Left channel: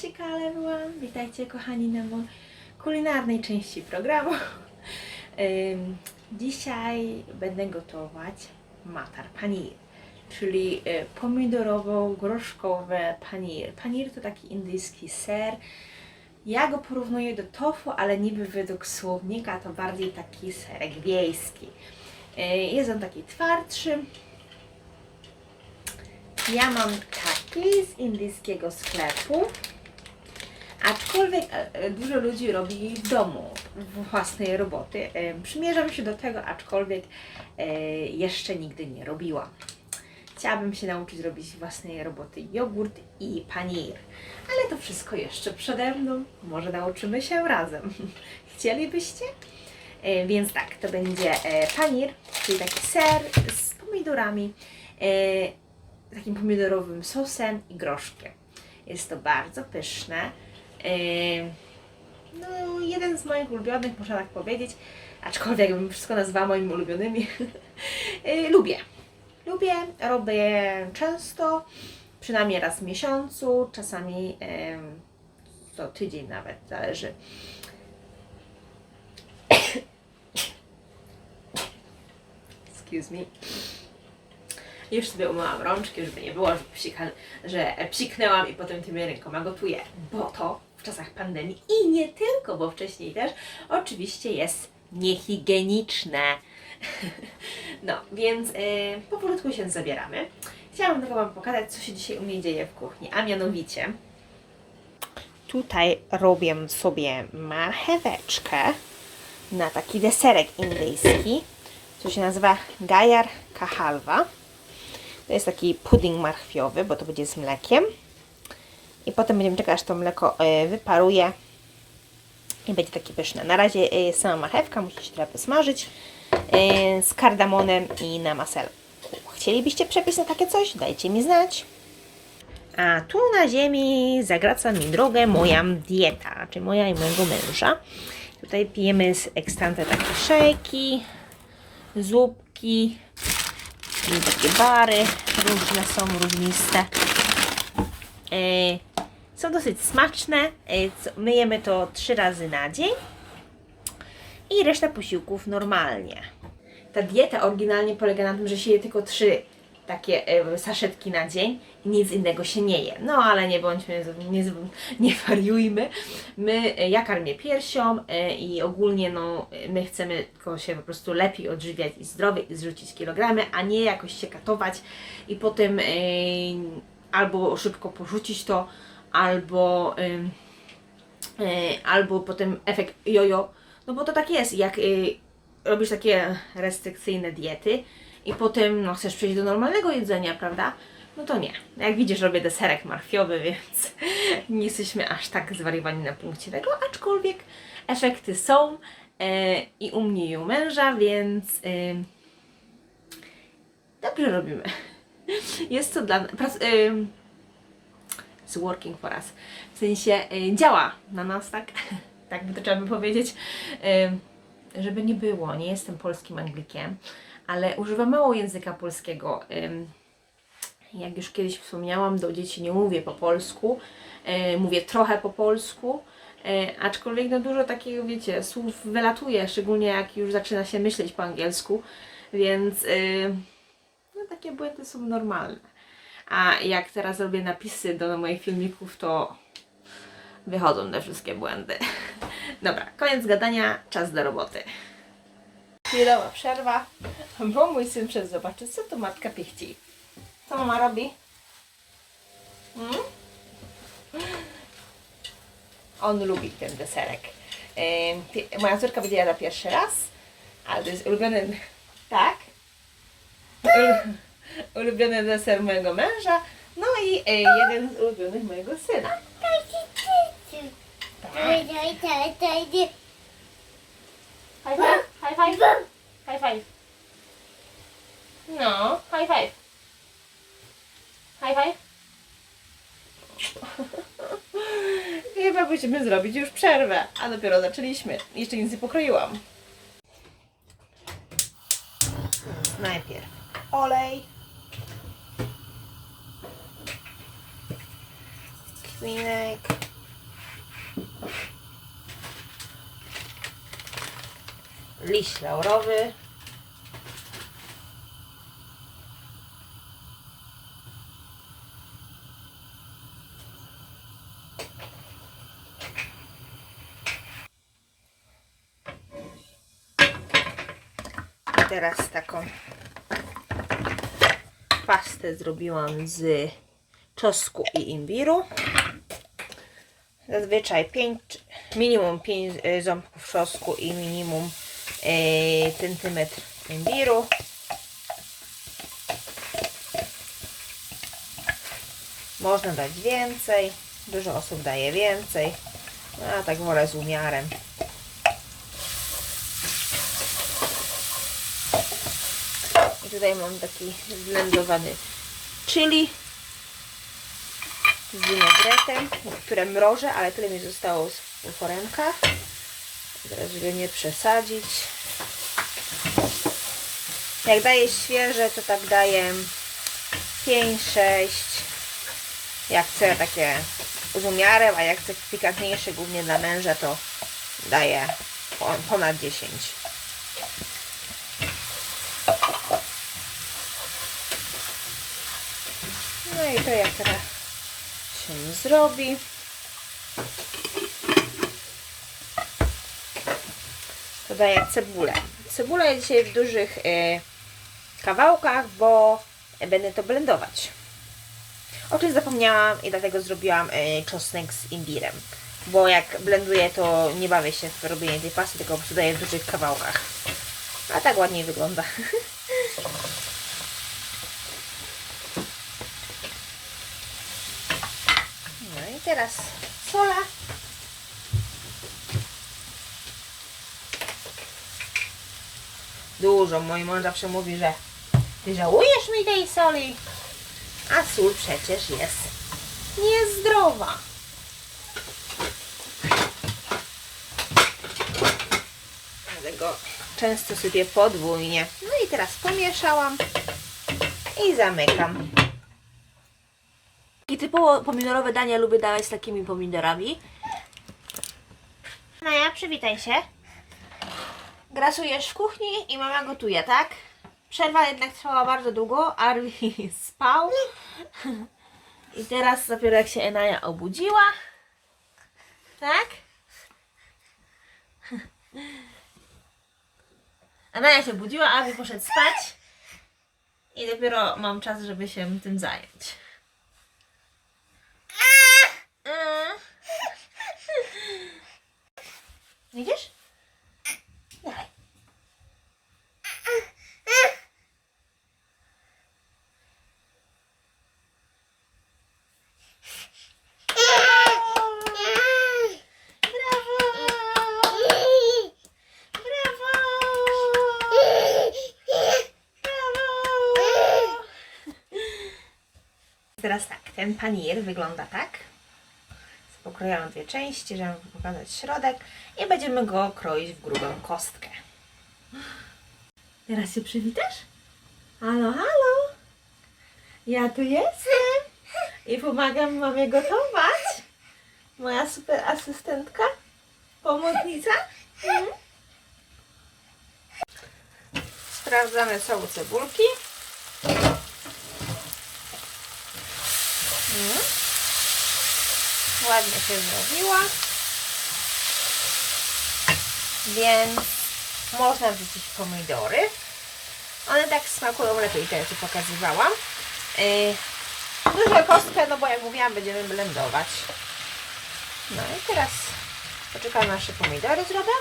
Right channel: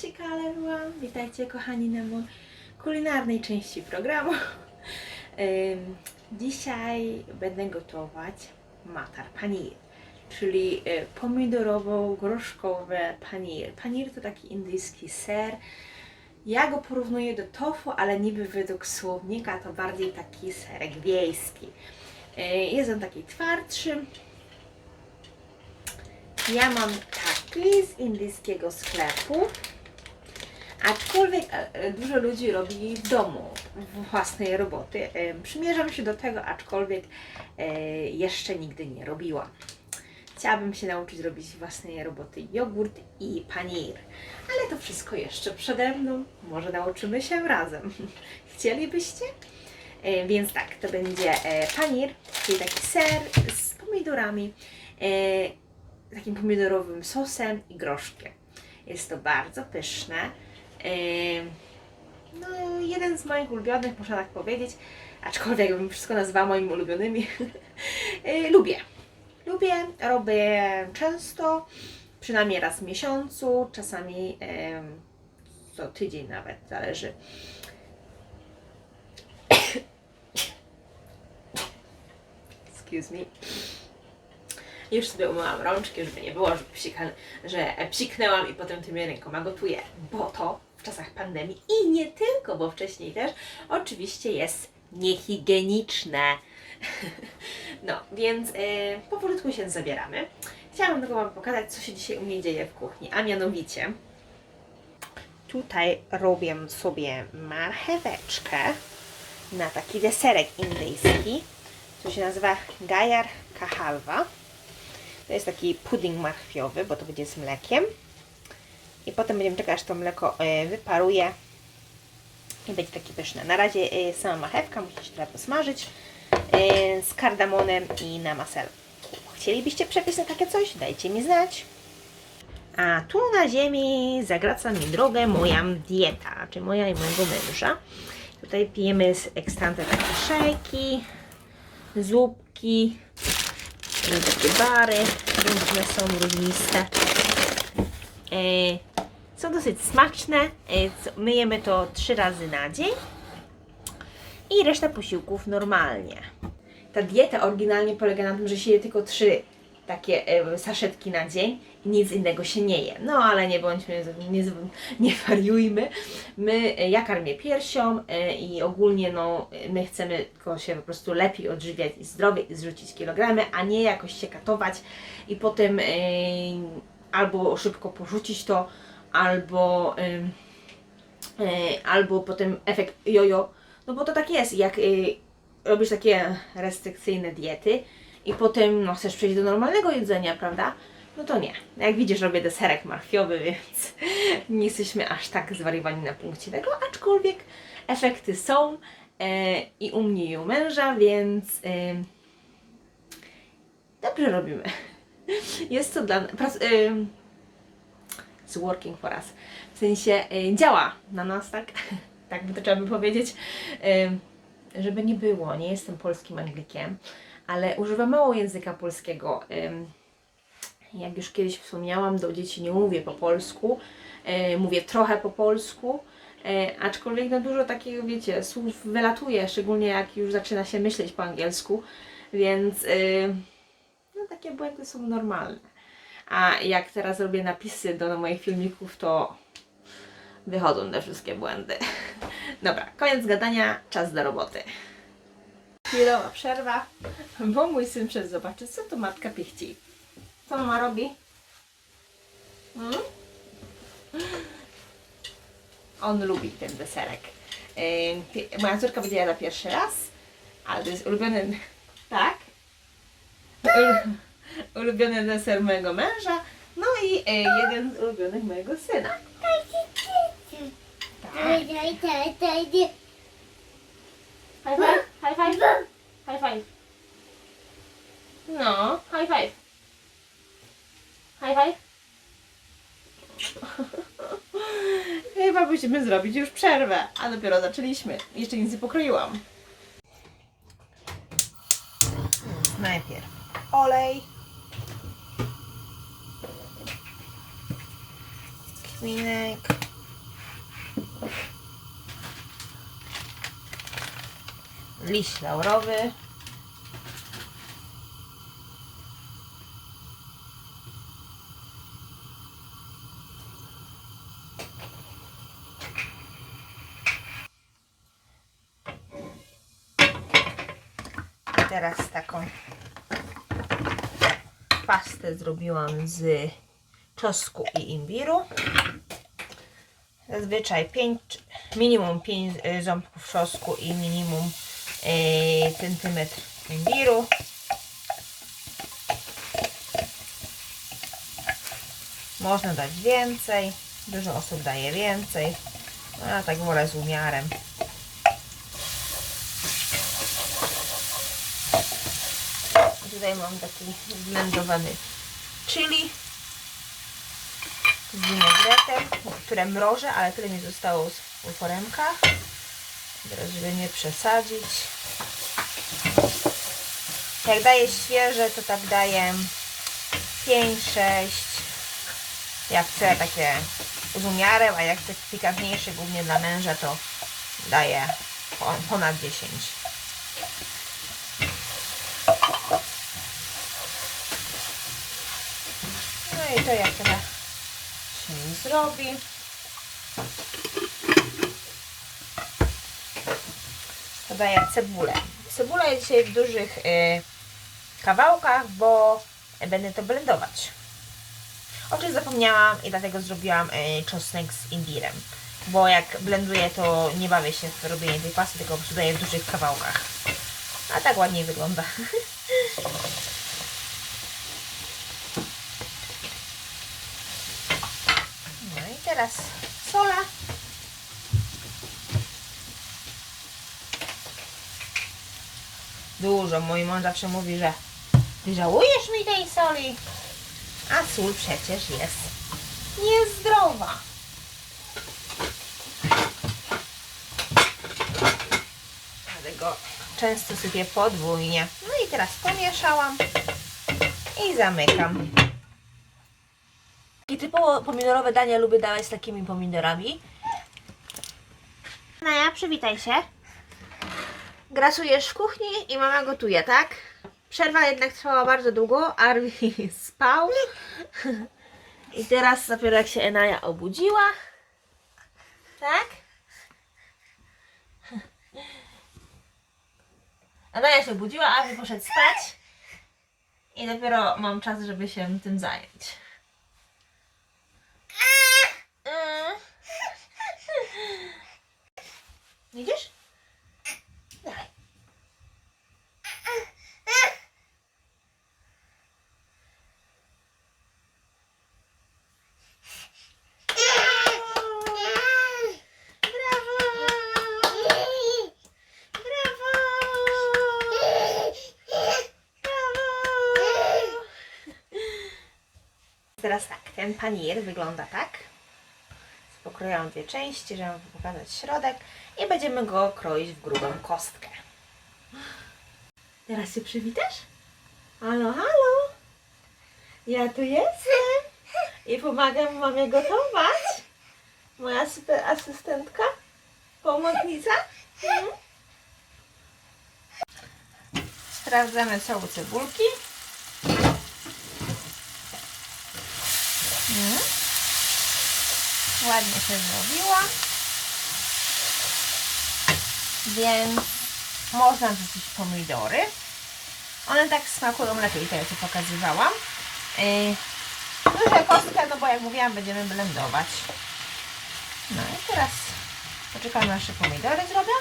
Cześć, everyone! Witajcie kochani na mojej kulinarnej części programu. Dzisiaj będę gotować matar paneer, czyli pomidorowo-groszkowe paneer. Paneer to taki indyjski ser. Ja go porównuję do tofu, ale niby według słownika to bardziej taki serek wiejski. Jest on taki twardszy. Ja mam taki z indyjskiego sklepu, aczkolwiek dużo ludzi robi w domu własnej roboty. Przymierzam się do tego, aczkolwiek jeszcze nigdy nie robiłam. Chciałabym się nauczyć robić własnej roboty jogurt i paneer, ale to wszystko jeszcze przede mną. Może nauczymy się razem. Chcielibyście? Więc tak, to będzie paneer, czyli taki ser z pomidorami, takim pomidorowym sosem i groszkiem. Jest to bardzo pyszne. No, jeden z moich ulubionych, można tak powiedzieć, aczkolwiek bym wszystko nazwała moimi ulubionymi. Lubię, robię często, przynajmniej raz w miesiącu, czasami co tydzień nawet, zależy. Excuse me. Już sobie umyłam rączki, żeby nie było, że psiknęłam i potem tymi rękoma gotuję, bo to w czasach pandemii i nie tylko, bo wcześniej też oczywiście jest niehigieniczne. No, więc powolutku się zabieramy. Chciałam tylko Wam pokazać, co się dzisiaj u mnie dzieje w kuchni, a mianowicie tutaj robię sobie marcheweczkę na taki deserek indyjski, co się nazywa Gajar Ka Halwa. To jest taki pudding marchwiowy, bo to będzie z mlekiem. I potem będziemy czekać, aż to mleko wyparuje i będzie takie pyszne. Na razie sama marchewka musi się trochę posmażyć z kardamonem i na masełku. Chcielibyście przepis na takie coś? Dajcie mi znać. A tu na ziemi zagraca mi drogę moja dieta, czyli moja i mojego męża. Tutaj pijemy z ekstrantem takie szejki, zupki, takie bary, różne są, różniste. Są dosyć smaczne. Myjemy to 3 razy na dzień i reszta posiłków normalnie. Ta dieta oryginalnie polega na tym, że się je tylko 3 takie saszetki na dzień i nic innego się nie je. No ale nie bądźmy, nie wariujmy. Ja karmię piersią i ogólnie no, my chcemy tylko się po prostu lepiej odżywiać i zdrowie i zrzucić kilogramy, a nie jakoś się katować i potem albo szybko porzucić to, albo potem efekt jojo. No bo to tak jest, jak robisz takie restrykcyjne diety i potem no, chcesz przejść do normalnego jedzenia, prawda? No to nie. Jak widzisz, robię deserek marchwiowy, więc nie jesteśmy aż tak zwariowani na punkcie tego, aczkolwiek efekty są i u mnie i u męża, więc dobrze robimy. Jest to dla nas, it's working for us. W sensie działa na nas, tak? Tak by to trzeba by powiedzieć. Żeby nie było, nie jestem polskim Anglikiem, ale używam mało języka polskiego. Jak już kiedyś wspomniałam, do dzieci nie mówię po polsku, mówię trochę po polsku, aczkolwiek no dużo takiego, wiecie, słów wylatuje, szczególnie jak już zaczyna się myśleć po angielsku, więc no, takie błędy są normalne. A jak teraz robię napisy do moich filmików, to wychodzą te wszystkie błędy. Dobra, koniec gadania, czas do roboty. Chwilowa przerwa, bo mój syn przed zobaczy, co tu matka pichci. Co mama robi? On lubi ten deserek. Moja córka będzie jadła pierwszy raz, ale to jest ulubiony, tak? Ulubiony deser mojego męża, no i jeden z ulubionych mojego syna. Tak. High five, high five, high five. No, high five. High five. Chyba musimy zrobić już przerwę, a dopiero zaczęliśmy. Jeszcze nic nie pokroiłam. Najpierw olej. Kminek. Liść laurowy. Teraz taką pastę zrobiłam z czosnku i imbiru. Zazwyczaj minimum 5 ząbków czosnku i minimum centymetr imbiru. Można dać więcej, dużo osób daje więcej, a tak wolę z umiarem. I tutaj mam taki zblendowany chili z winegretem, które mrożę, ale tyle mi zostało z foremka. Teraz, żeby nie przesadzić. Jak daję świeże, to tak daję 5-6. Jak chcę takie z umiarem, a jak chcę pikantniejsze, głównie dla męża, to daję ponad 10. No i to jak teraz się zrobi. Dodaję cebulę. Cebula jest dzisiaj w dużych kawałkach, bo będę to blendować. O czym zapomniałam i dlatego zrobiłam czosnek z imbirem. Bo jak blenduję, to nie bawię się w robienie tej pasty, tylko po prostu daję w dużych kawałkach. A tak ładniej wygląda. No i teraz sola. Dużo. Mój mąż zawsze mówi, że ty żałujesz mi tej soli, a sól przecież jest niezdrowa. Dlatego często sypię podwójnie. No i teraz pomieszałam i zamykam. I typowo pomidorowe dania lubię dawać z takimi pomidorami. Naja, przywitaj się. Grasujesz w kuchni i mama gotuje, tak? Przerwa jednak trwała bardzo długo, Arwi spał. I teraz dopiero jak się Enaja obudziła. Tak? Enaja się obudziła, Arwi poszedł spać. I dopiero mam czas, żeby się tym zająć. Widzisz? Dawaj. Teraz tak, ten panier wygląda tak. Pokroiłam dwie części, żeby pokazać środek i będziemy go kroić w grubą kostkę. Teraz się przywitasz? Halo, halo! Ja tu jestem i pomagam mamie gotować. Moja super asystentka, pomocnica. Sprawdzamy całe cebulki. Ładnie się zrobiła, więc można wrzucić pomidory. One tak smakują lepiej, to ja Ci pokazywałam. Dużą kostkę, no bo jak mówiłam, będziemy blendować. No i teraz poczekam, nasze pomidory zrobię.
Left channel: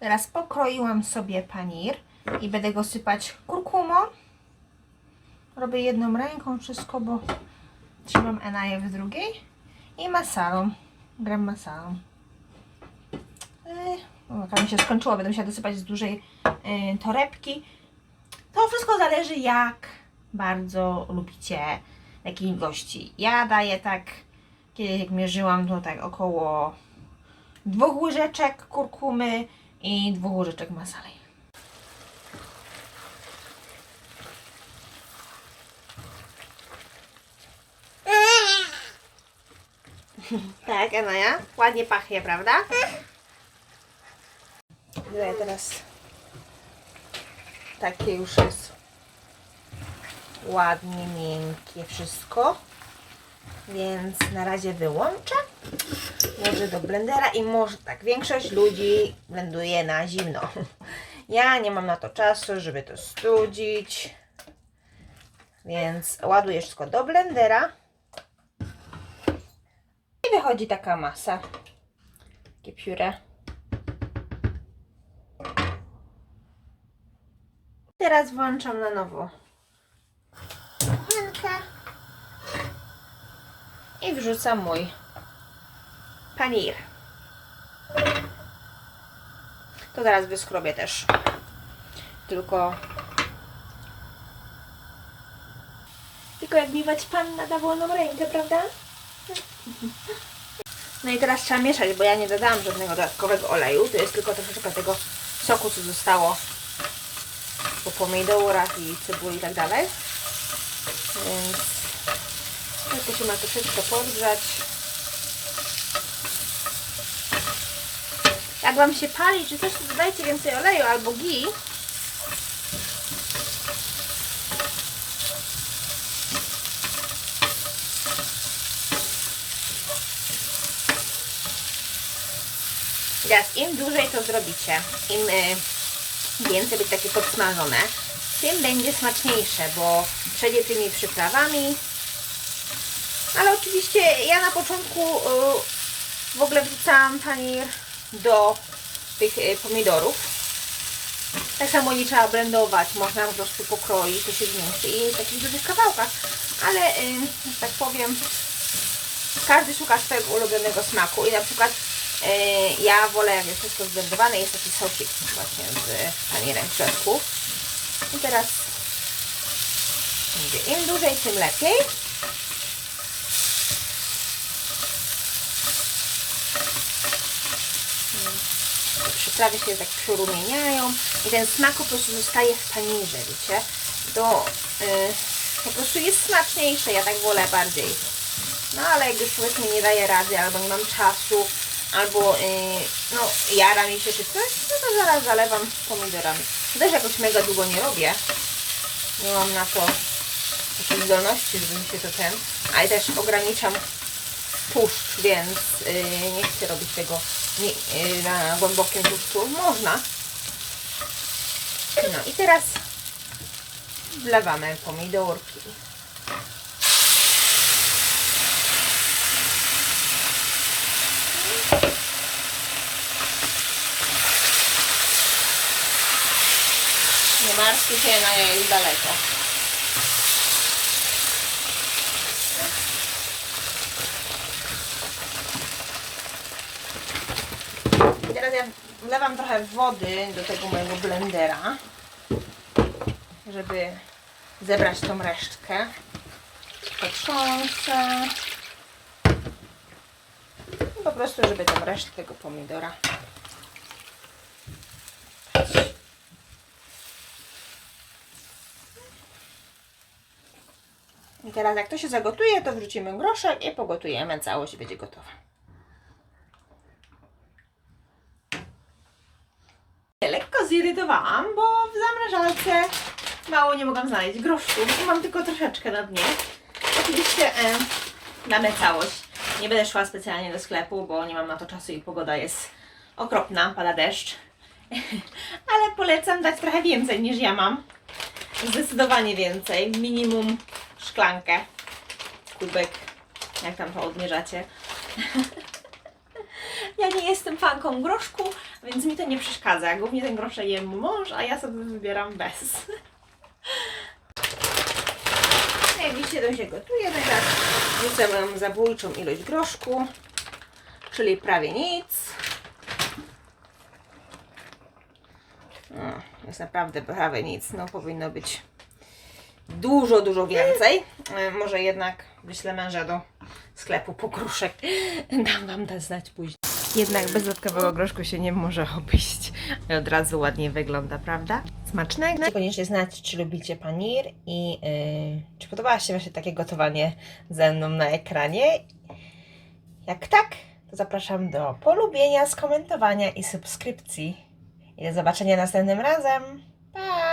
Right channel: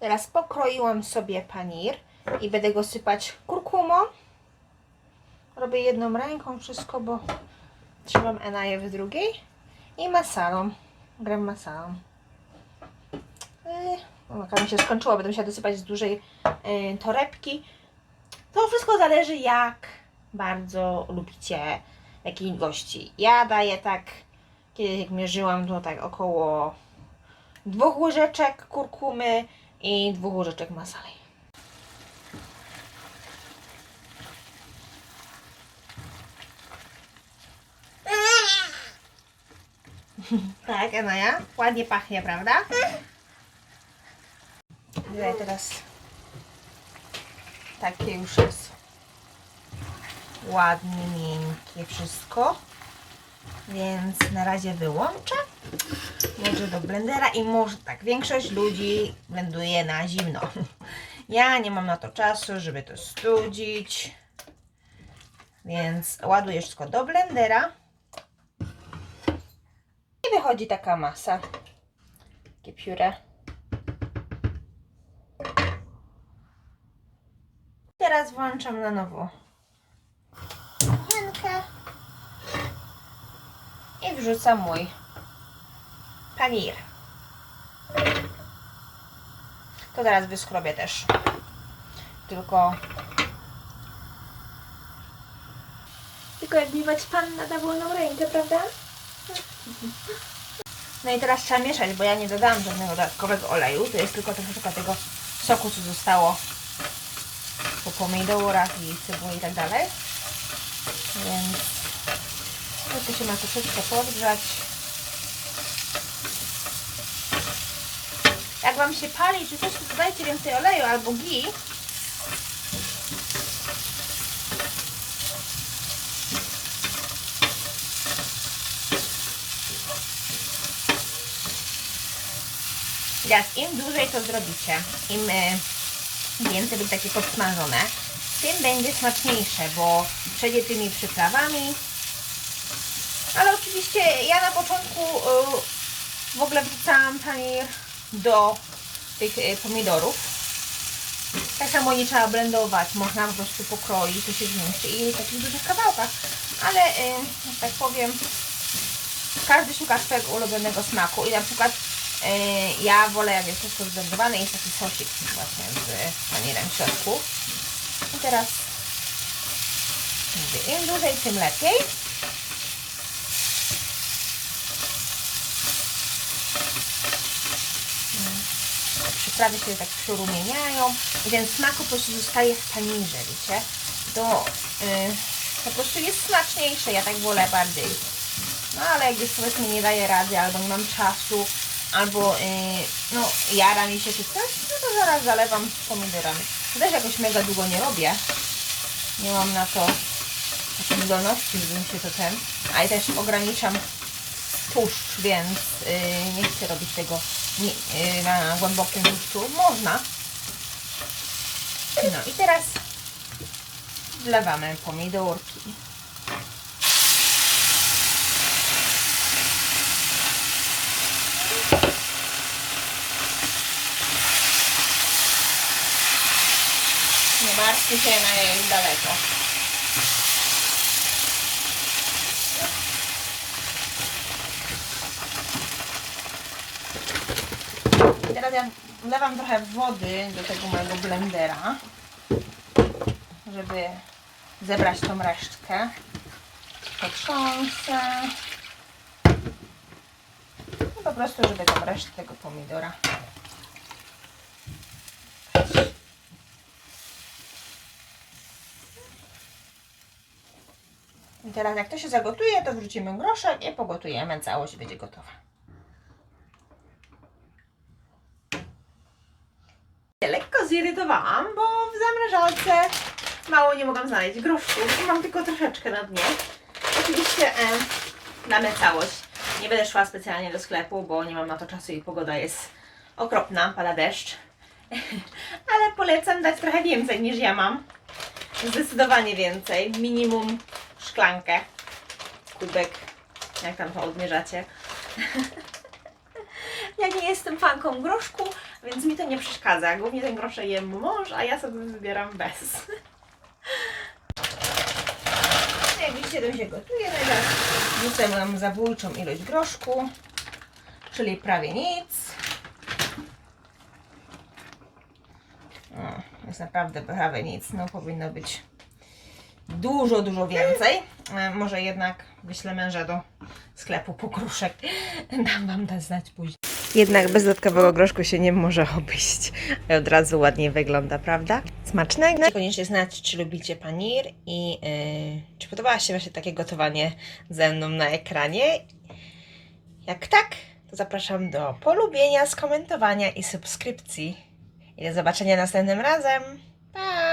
Teraz pokroiłam sobie panir i będę go sypać kurkumą. Robię jedną ręką wszystko, bo trzymam Enaję w drugiej. I masalą. Gram masalą. Jaka mi się skończyła, będę musiała dosypać z dużej torebki. To wszystko zależy, jak bardzo lubicie, jakiej ilości. Ja daję tak, kiedyś jak mierzyłam, to tak około 2 łyżeczek kurkumy i 2 łyżeczek masali. Tak, Anaja? Ładnie pachnie, prawda? Tutaj teraz takie już jest ładnie miękkie wszystko. Więc na razie wyłączę. Może do blendera i może tak, większość ludzi blenduje na zimno. Ja nie mam na to czasu, żeby to studzić. Więc ładuję wszystko do blendera. I wychodzi taka masa. Takie pióre. Teraz włączam na nowo kuchenkę. I wrzucam mój panir. To teraz wyskrobię też. Tylko jak miwać panna da wolną rękę, prawda? No i teraz trzeba mieszać, bo ja nie dodałam żadnego dodatkowego oleju. To jest tylko troszeczkę tego soku, co zostało po pomidorach i cebuli i tak dalej. Więc to się ma troszeczkę podgrzać. Jak Wam się pali czy coś, to dodajcie więcej oleju albo ghee. Teraz im dłużej to zrobicie, im więcej będzie takie podsmażone, tym będzie smaczniejsze, bo przejdzie tymi przyprawami. Ale oczywiście ja na początku w ogóle wrzucałam panir do tych pomidorów. Tak samo nie trzeba blendować, można po prostu pokroić, to się zmieści i w takich dużych kawałkach. Ale, że tak powiem, każdy szuka swojego ulubionego smaku i na przykład ja wolę, jak jest wszystko zblendowane, jest taki sosik właśnie z panierem w środku. I teraz im dłużej, tym lepiej. Przyprawy się tak przyrumieniają i ten smak po prostu zostaje w panierze, wiecie? To po prostu jest smaczniejsze, ja tak wolę bardziej. No ale jak już powiedzmy nie daję rady, albo nie mam czasu, albo no jara mi się czy coś, no to zaraz zalewam pomidorami. Też jakoś mega długo nie robię. Nie mam na to takiej zdolności, żeby mi się to a i też ograniczam tłuszcz, więc nie chcę robić tego na głębokim tłuszczu. Można. No i teraz wlewamy pomidorki. Nie martwcie się, na niej już daleko. Teraz ja wlewam trochę wody do tego mojego blendera, żeby zebrać tą resztkę. Potrząsę. I po prostu, żeby tą resztkę tego pomidora. I teraz jak to się zagotuje, to wrzucimy groszek i pogotujemy. Całość będzie gotowa. Lekko zirytowałam, bo w zamrażalce mało nie mogłam znaleźć groszku. Mam tylko troszeczkę na dnie. Oczywiście damy całość. Nie będę szła specjalnie do sklepu, bo nie mam na to czasu i pogoda jest okropna, pada deszcz. Ale polecam dać trochę więcej niż ja mam. Zdecydowanie więcej. Minimum szklankę, kubek, jak tam to odmierzacie. Ja nie jestem fanką groszku, więc mi to nie przeszkadza. Głównie ten groszek jem mąż, a ja sobie wybieram bez. Jak widzicie, to się gotuje. Teraz wrzucę nam zabójczą ilość groszku, czyli prawie nic. Jest naprawdę prawie nic. No powinno być dużo, dużo więcej. Może jednak wyślę męża do sklepu po gruszek. Dam Wam znać później. Jednak bez dodatkowego groszku się nie może obejść. I od razu ładnie wygląda, prawda? Smacznego. Koniecznie znać, czy lubicie panir i czy podobało się właśnie takie gotowanie ze mną na ekranie. Jak tak, to zapraszam do polubienia, skomentowania i subskrypcji. I do zobaczenia następnym razem. Pa!